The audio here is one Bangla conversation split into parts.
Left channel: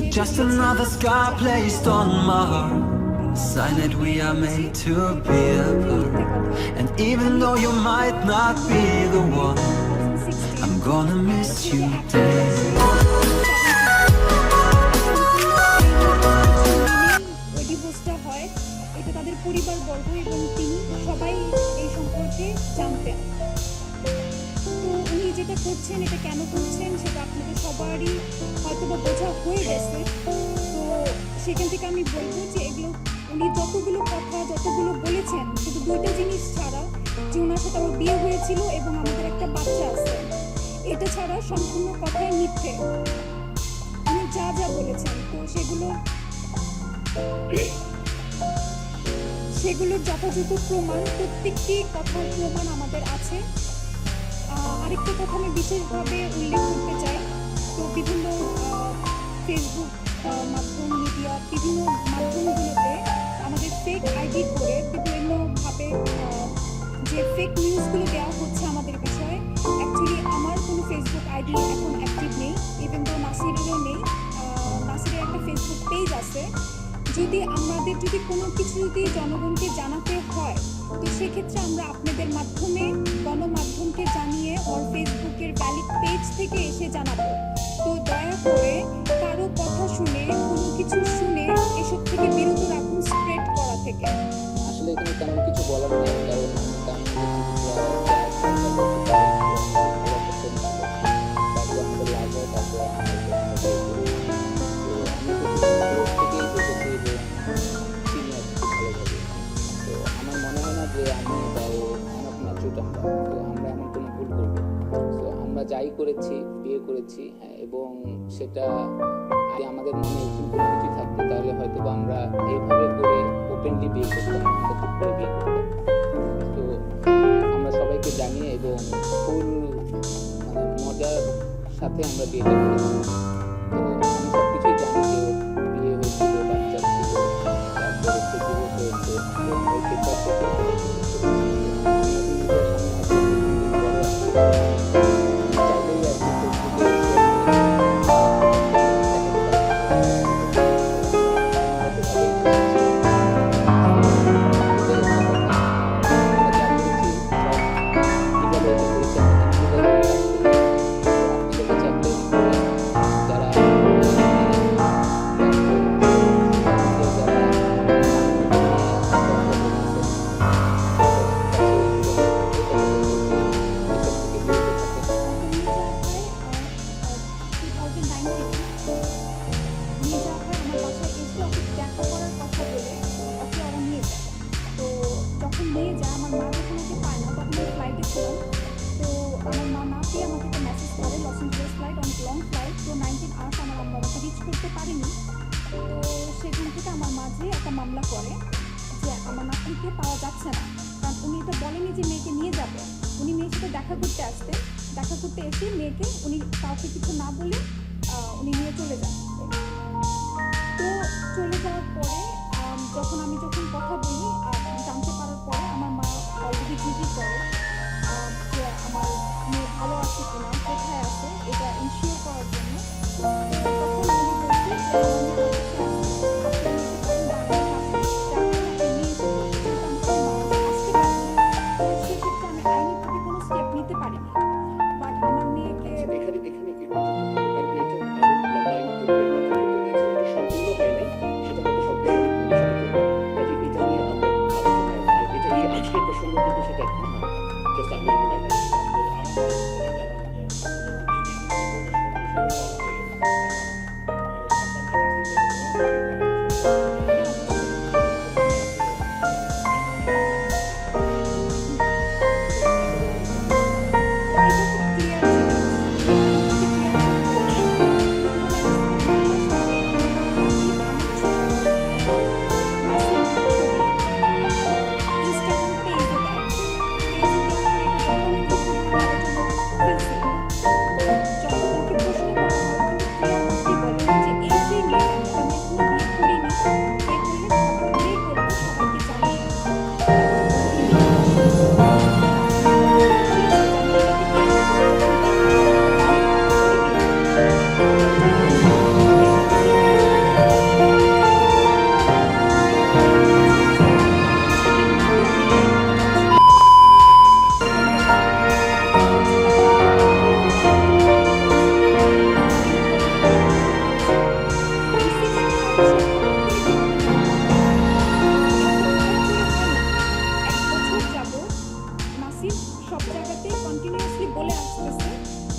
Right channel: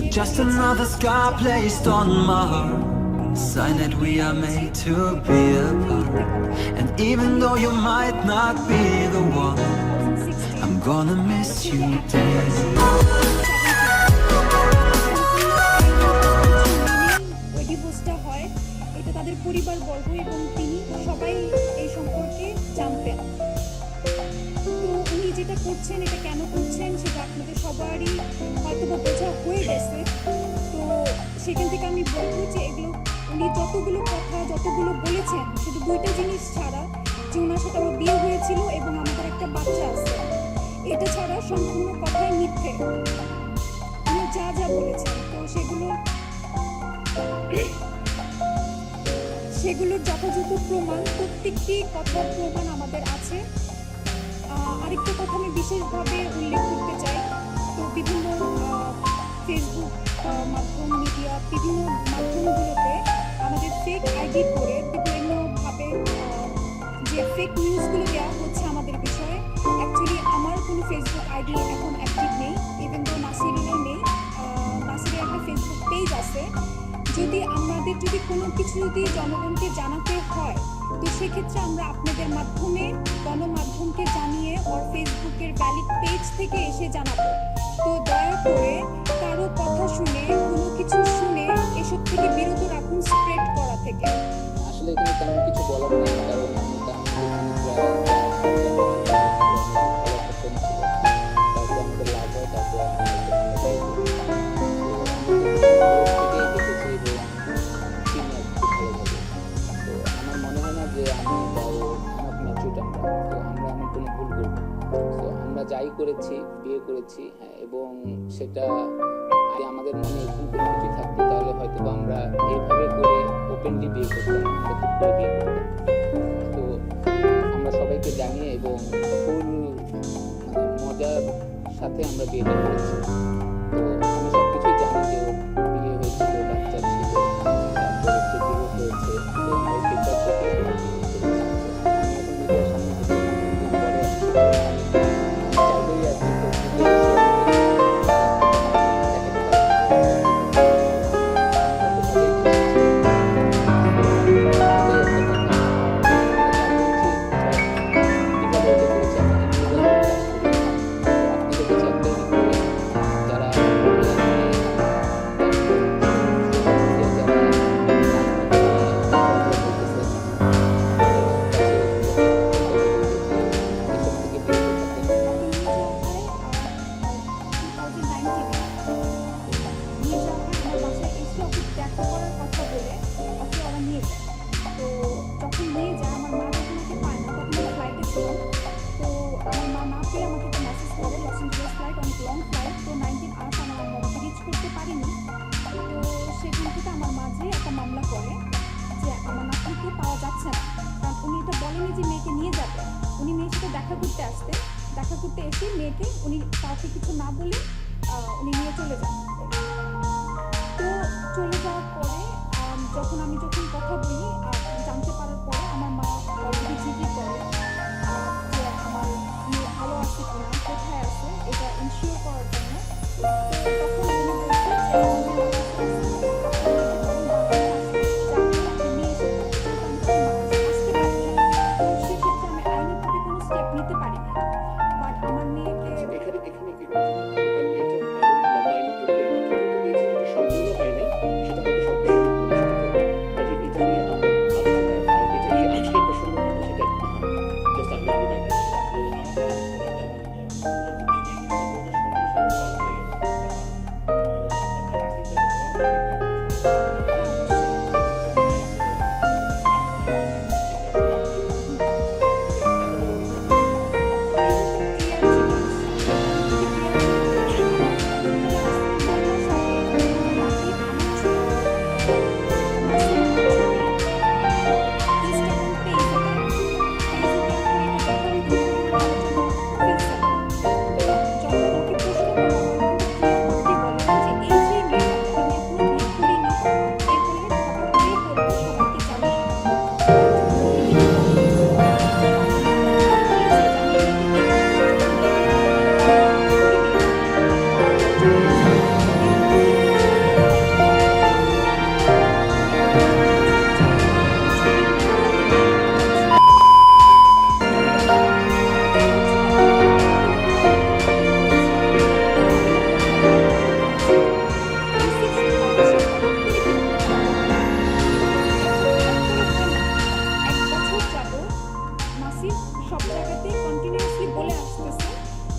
You're just another scar placed on my heart, a sign that we are made to be apart. And even though you might not be the one, I'm gonna miss you dead. এটা তাদের পরিবারবর্গ এবং তিনি সবাই এই সম্পর্কে জানতেন। তো উনি যেটা করছেন এটা কেন করছেন সেটা আপনাদের সবারই হয়তো বা বোঝা হয়ে গেছে। তো সেখান থেকে আমি বলবো যে এগুলো উনি যতগুলো কথা যতগুলো বলেছেন শুধু দুইটা জিনিস ছাড়া, যে ওনার সাথে আমার বিয়ে হয়েছিল এবং আমাদের একটা বাচ্চা আছে, এটা ছাড়া সম্পূর্ণ কথাই মিথ্যে। উনি যা যা বলেছেন তো সেগুলোর যথাযথ প্রমাণ, প্রত্যেকটি কথার প্রমাণ আমাদের আছে। আরেকটা কথা আমি বিশেষভাবে উল্লেখ করতে চাই, তো বিভিন্ন ফেসবুক মাধ্যম, মিডিয়া, বিভিন্ন মাধ্যমগুলোতে আমাদের ফেক আইডি করে বিভিন্নভাবে যে ফেক নিউজগুলো দেওয়া হচ্ছে আমাদের বিষয়ে। অ্যাকচুয়ালি আমার কোনো ফেসবুক আইডি এখন অ্যাক্টিভ নেই, ইভেন তো নাসিরেরও নেই। নাসিরের একটা ফেসবুক পেজ আছে। আমাদের যদি কোনো কিছু যদি জনগণকে জানাতে হয় তো সেক্ষেত্রে আমরা আপনাদের মাধ্যমে গণমাধ্যমকে জানিয়ে ওর ফেসবুকের ভ্যালিড পেজ থেকে এসে জানাবো। তো দয়া করে কারো কথা শুনে, কোনো কিছু শুনে এসব থেকে বিরত রাখুন, স্প্রেড করা থেকে। আসলে এখানে তেমন কিছু বলার নেই, কারণ আমি তামিলকে চিনি প্রায় 4-5 বছর ধরে। ভালো একটা ফ্রেন্ড ছিল, তারপরে আমাদের লাভ হয়, তারপরে আমরা বিয়ে করি। তো আমি থেকেই দেখেছি এবং চিনি আর খুব ভালোভাবে। তো আমার মনে হয় না যে আমি বা ও আমার ম্যাচুড আমরা, তো আমরা এমন কোনো ভুল করবো। তো আমরা যাই করেছি, বিয়ে করেছি, হ্যাঁ, এবং সেটা আমাদের মনে এরকম কোনো কিছুই থাকতো তাহলে হয়তো বা আমরা এইভাবে করে ওপেনলি বিয়ে করতাম, আমরা চুপ করে বিয়ে করতাম। তো আমরা সবাইকে জানিয়ে এবং ফুল মজার সাথে আমরা বিয়েটা করেছি। তো আমি সব কিছুই জানি যে ওর বিয়ে হয়েছিল, বাচ্চা ছিল, তারপরে হচ্ছে ডিভোর্স হয়েছে। তো আমরা এই পেপার থেকে আমরা বিয়ে করেছি। আমি এখন মিডিয়ার সামনে হয়তো বড় আসছি, আমি চাইলেই আর কি ফেসবুকে এসে মামলা করে যে আমার নাতনিকে পাওয়া যাচ্ছে না। কারণ উনি এটা বলেনি যে মেয়েকে নিয়ে যাবে, উনি মেয়ের সাথে দেখা করতে আসতেন। দেখা করতে এসে মেয়েকে উনি কাউকে কিছু না বলে উনি নিয়ে চলে যান। তো চলে যাওয়ার পরে আমি যখন কথা বলি, জানতে পারার পরে আমার মা অলরেডি জিজ্ঞেস করে যে আমার মেয়ে ভালো আছে কিনা, কোথায় আছে, এটা ইনশিওর করার জন্য। তো তখন উনি বলছে যে আমার মেয়ে আমার কাছে নিতে পারি না, বাট আমার মেয়েকে এখানে কি কারণ এটা আরো লম্বা আইনি প্রক্রিয়ার মাধ্যমে করতে দিয়েছে, এটা সম্পূর্ণ হয় নাই, সেটা হয়তো সম্পূর্ণ কাজে এটা নিয়ে আমরা আলোচনা, আর এটা এই আজকের প্রসঙ্গ কিন্তু সেটা জাস্ট আমি যখন ওকে প্রশ্ন করা হয়, কিন্তু ক্লিয়ার করতে বলে যে এই যে মেয়েটাকে আমি এখনো সে হঠাৎ করে কিভাবে এক বছর যাবত নাসির সব জায়গাতে কন্টিনিউয়াসলি বলে আসতেছে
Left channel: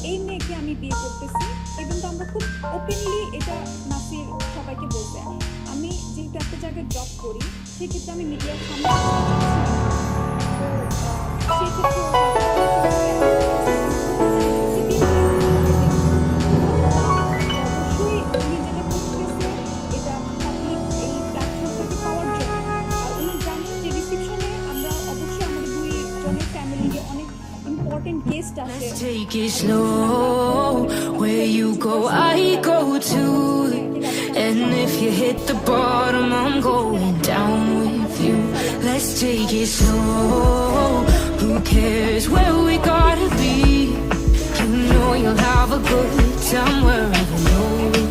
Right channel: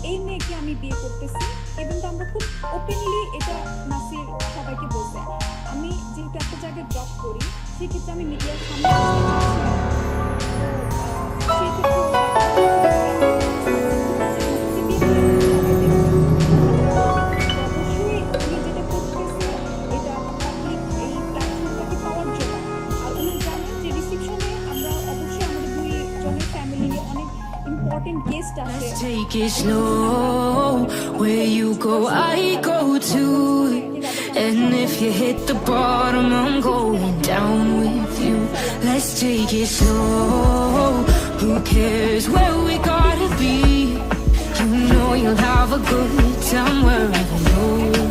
এই মেয়েকে আমি বিয়ে করতেছি, এবং তো আমরা খুব ওপেনলি এটা নাসির সবাইকে বলতে। আমি যেহেতু একটা জায়গায় জব করি, সেক্ষেত্রে আমি মিডিয়ার সামনে আসতে চাচ্ছিলাম না। তো সেক্ষেত্রে অবশ্যই উনি যেটা করতেছে এটা পাবলিক এই প্ল্যাটফর্মটাকে পাওয়ার জন্য। আর উনি জানেন যে রিসেপশনে আমরা অবশ্যই আমাদের দুইজনের ফ্যামিলির অনেক ইম্পর্টেন্ট গেস্ট আছে। Let's take it slow. Where you go, I go too. And if you hit the bottom, I'm going down with you. Let's take it slow. Who cares where we gotta be? You know you'll have a good time wherever you're with